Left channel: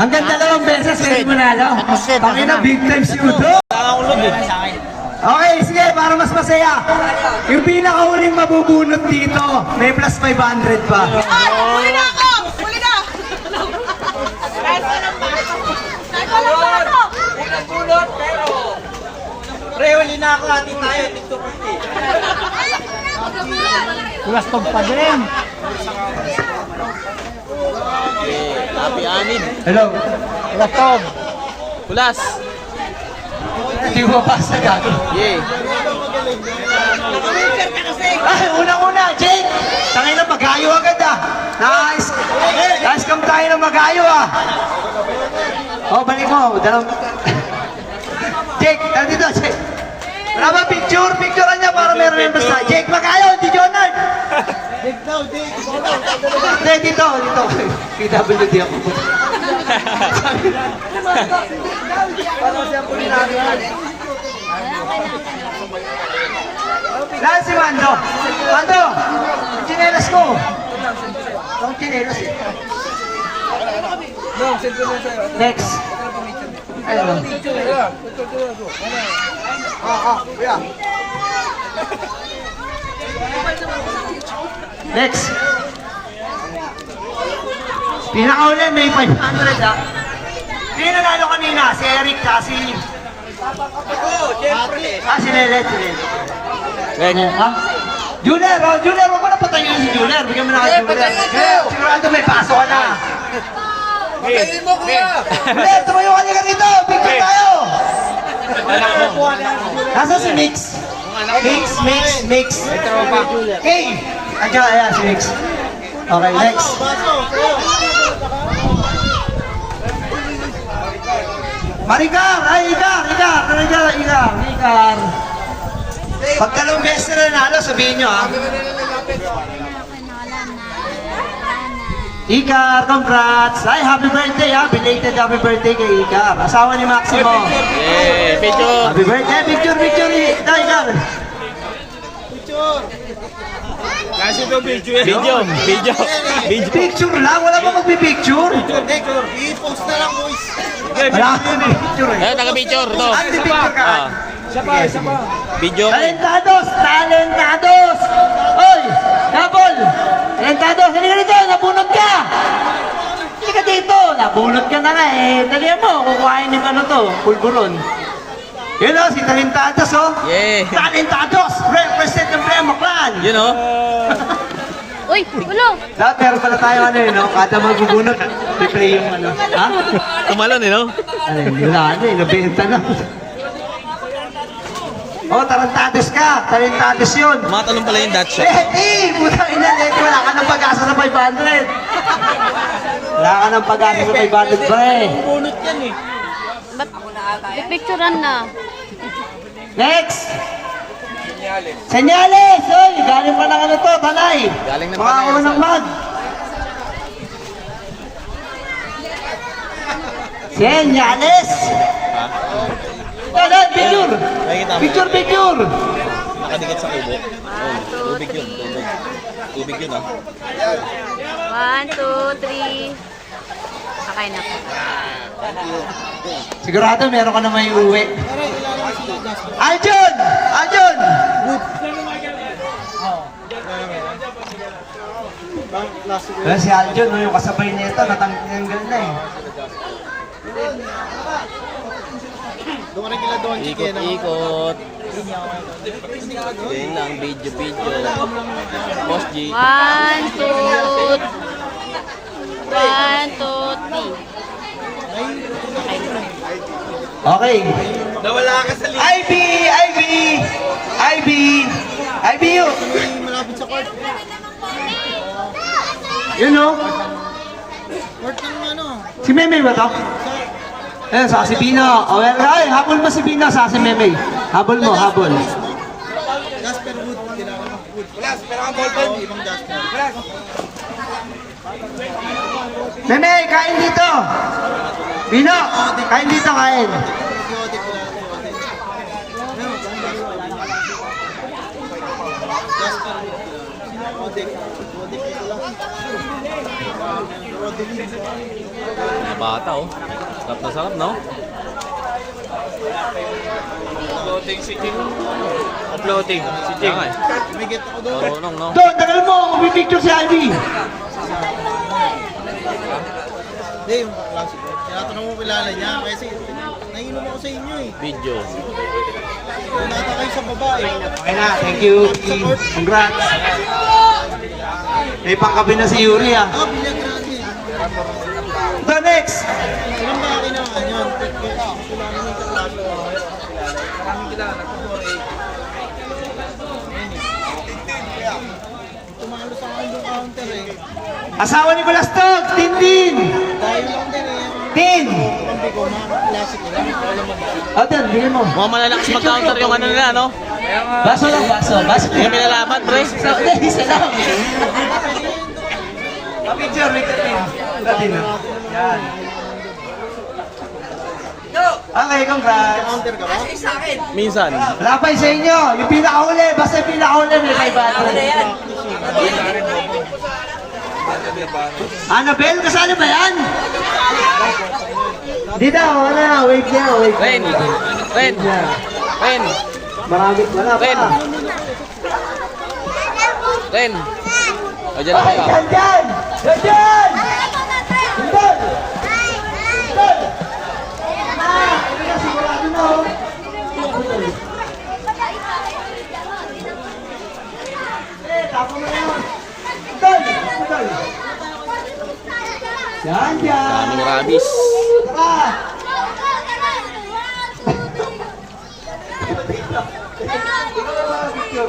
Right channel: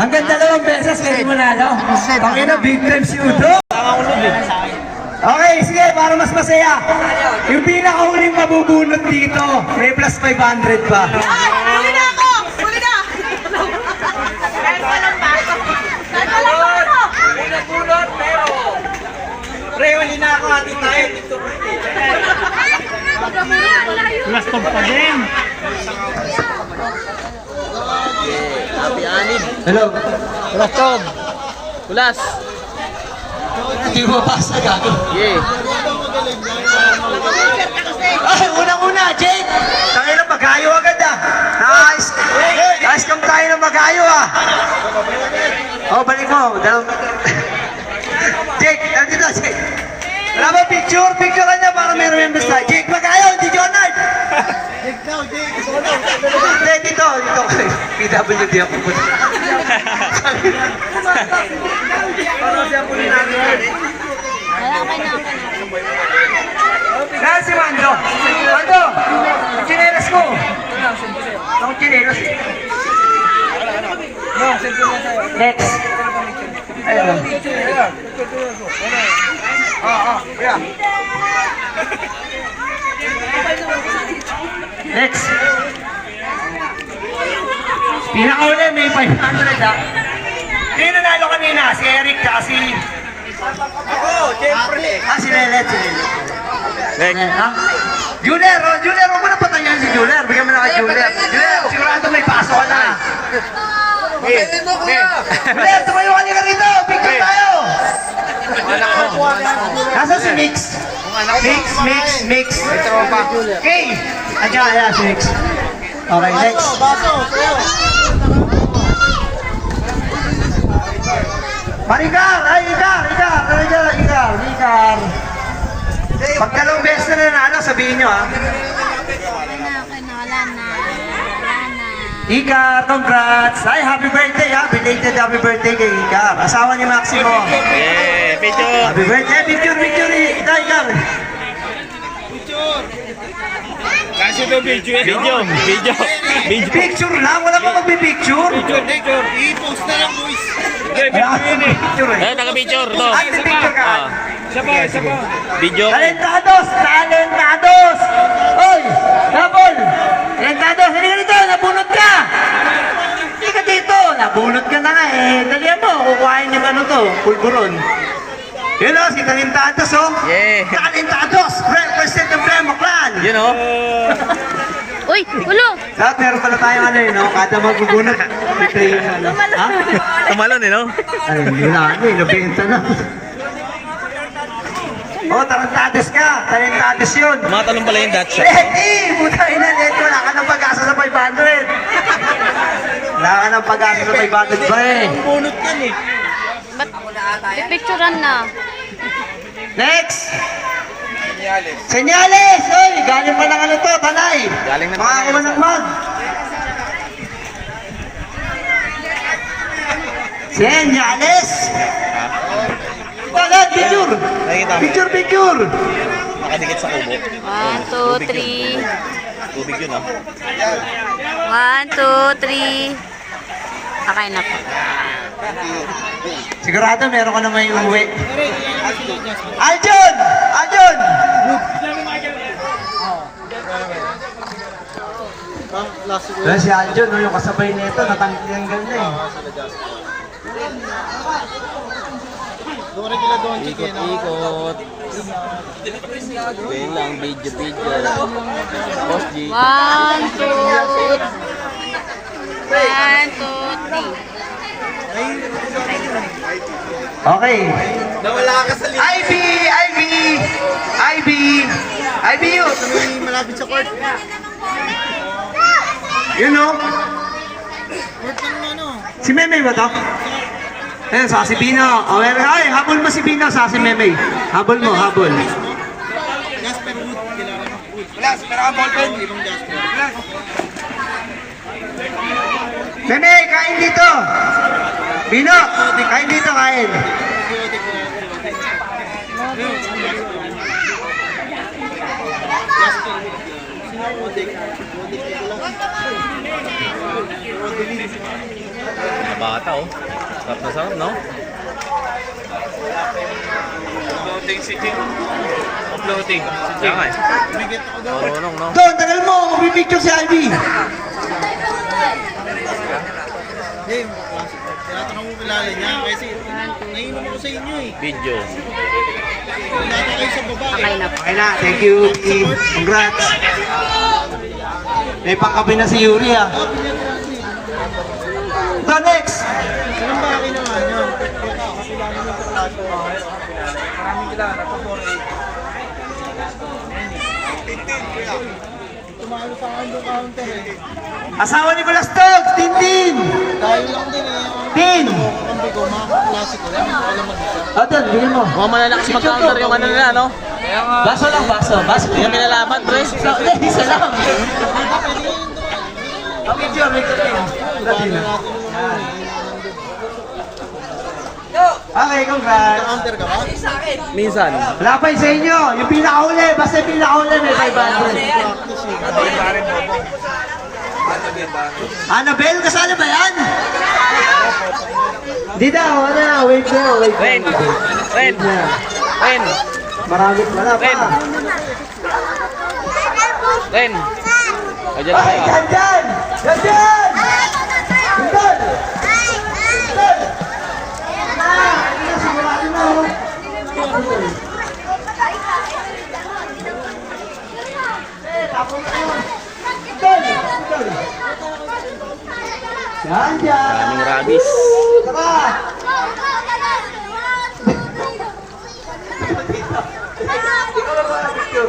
Hanggang 2 beses kayo manalo. Pangina, big time si Udo. Okay, sige, para mas masaya. Yung pinakahuling mabubunot dito, may plus 500 pa. Huli na ako! Huli na! Bunot, pero... Pre, huli na ako, atin tayo. Plus pag pa din. Happy Anid. Hello. Kulas, Tom. Kulas. Hindi mo basa gago. Yeah. Ay, unang-una, Jake. Tangin na magayo agad ah. Nice. Nice come tayo ng magayo ah. Oh, balik mo. Jake, nandito Jake. Wala ba picture? Picture ka niya para meron yung basta. Jake, magayo, hindi Jonard. Jake daw, Jake. Hindi, dito. PWD ako po. Parang siya po natin. Kaya si Mando. Mando, yung chinelas ko. Ang chinelas eh. Next. Ayun. Next. Pinakauli may 500 ah. Hindi nanalo kanina, si Eric kasi. Ako, Jeffrey. Si Lelet, Ganyan ha? Juler, huwag mo na patayin si Juler. Bigyan mo na kay Juler. Juler, sigurado may pasok ka na. Patayin mo, kuya. Juler, tumayo ka niya rito. Picture tayo. Nasa si Mix? Mix. Okay. Ayan, si Mix. Okay, next. Maricar! Ay, Icar! Pag 2 beses na nanalo, sabihin nyo ha. Icar, congrats! Ay, happy birthday ha! Belated happy birthday kay Icar. Asawa ni Maximo. Yeah, picture. Happy birthday, picture! Icar! Kasi ito video. Picture lang, wala pa magpipicture. I-post na lang, boys. Wala ka picture eh. Taga-picture to. Ay, picture ka. Sige. Video. Talentados! Oy! Napol! Talentados, halika dito, nabunot ka! Hindi ka dito, nabunot ka na nga eh. Kaya mo, kukuhain yung ano to, pulburon. Yun o, si Talentados o. Yeah. Talentados! Represent the Premo Clan! You know? Uy, ulo! Lahat meron pala tayo ano eh, no? Kada magbubunot, may pray yung ano. Ha? Tumalon eh, no? Ay, wala ano eh, nabenta na. Oh, Talentados ka! Talentados yun! Matalong pala yung Dutch. Puta ina, Leti, wala ka ng pag-asa sa 500. Wala ka ng pag-asa sa 500 ba eh. Bunot yan eh. Ba't pipicturan na? Next! Senyales! Oy, galing pa ng ano to, Tanay. Galing ng Mga Tanay, ulo ng mag. Senyales! Ha? Lahat, picture! Nakikita mo yun? Picture! Nakadikit sa kubo. 1, 2, 3. Tubig yun, ha? 1, 2, 3. Sakay na po. Sigurado meron ka na may uwi. Aljon! Aljon! Wala si Aljon, no, yung kasabay nito, natanggal na eh. Ikot-ikot. Ganyan lang, video. Boss G. 1, 2, 3. Okay. Nawala ka sa Ivy yun. malapit sa court. You know? Si Meme ba to? Eh, sa si Pino. Oh, ay, habol mo si Pino sa si Meme. Habol mo, habol. Jasper Wood. Wala, pero ang ballpen. Ibang Jasper. Meme, kain dito. Pino, kain dito, kain. Mga bata oh. Sarap na sarap, no? Uploading si Jim. Uploading si Kaya Jim. nga eh. Bigit ako doon. Marunong, no? Doon, tagal mo, pipicture si Ivy. Hindi, tinatanong mo kilala niya kasi naiinom ako sa inyo eh. Video. Wala pa kayo sa babae. Okay na, thank you. Congrats. May pangkabi na si Yuri ah. Sabi niya grabe. So next. Ilang ba ginawa yun? Kapila naman yung kaklaso. Maraming kilala po. Tumalo sa akin yung counter eh. Asawa ni Kulas Teg, Tintin. Tayo lang din eh. Tin. Kambi ko, mga klase ko lang. Ako lang mag-isa. Atan, bigyan mo. Mga malalakas mag-counter yung ano nila, no? Baso lang, baso. Baso. Yung nilalaban, pre. Isa lang. Picture, may katin. Katin na. Yan. Okay, congrats. Counter ka ba? Minsan. Wala pa sa inyo. Yung pinakauli. Basta yung pinakauli may 500. Annabelle, kasano ba yan? Di daw, wala. Wait na, wait. Ren. Ren. Ren. Marami wala pa. Ren. Ren. O, dyan na Ay, kayo. dyan, dyan! Dyan, dyan! Dyan! Yan, dyan! Daming rabies. Tara!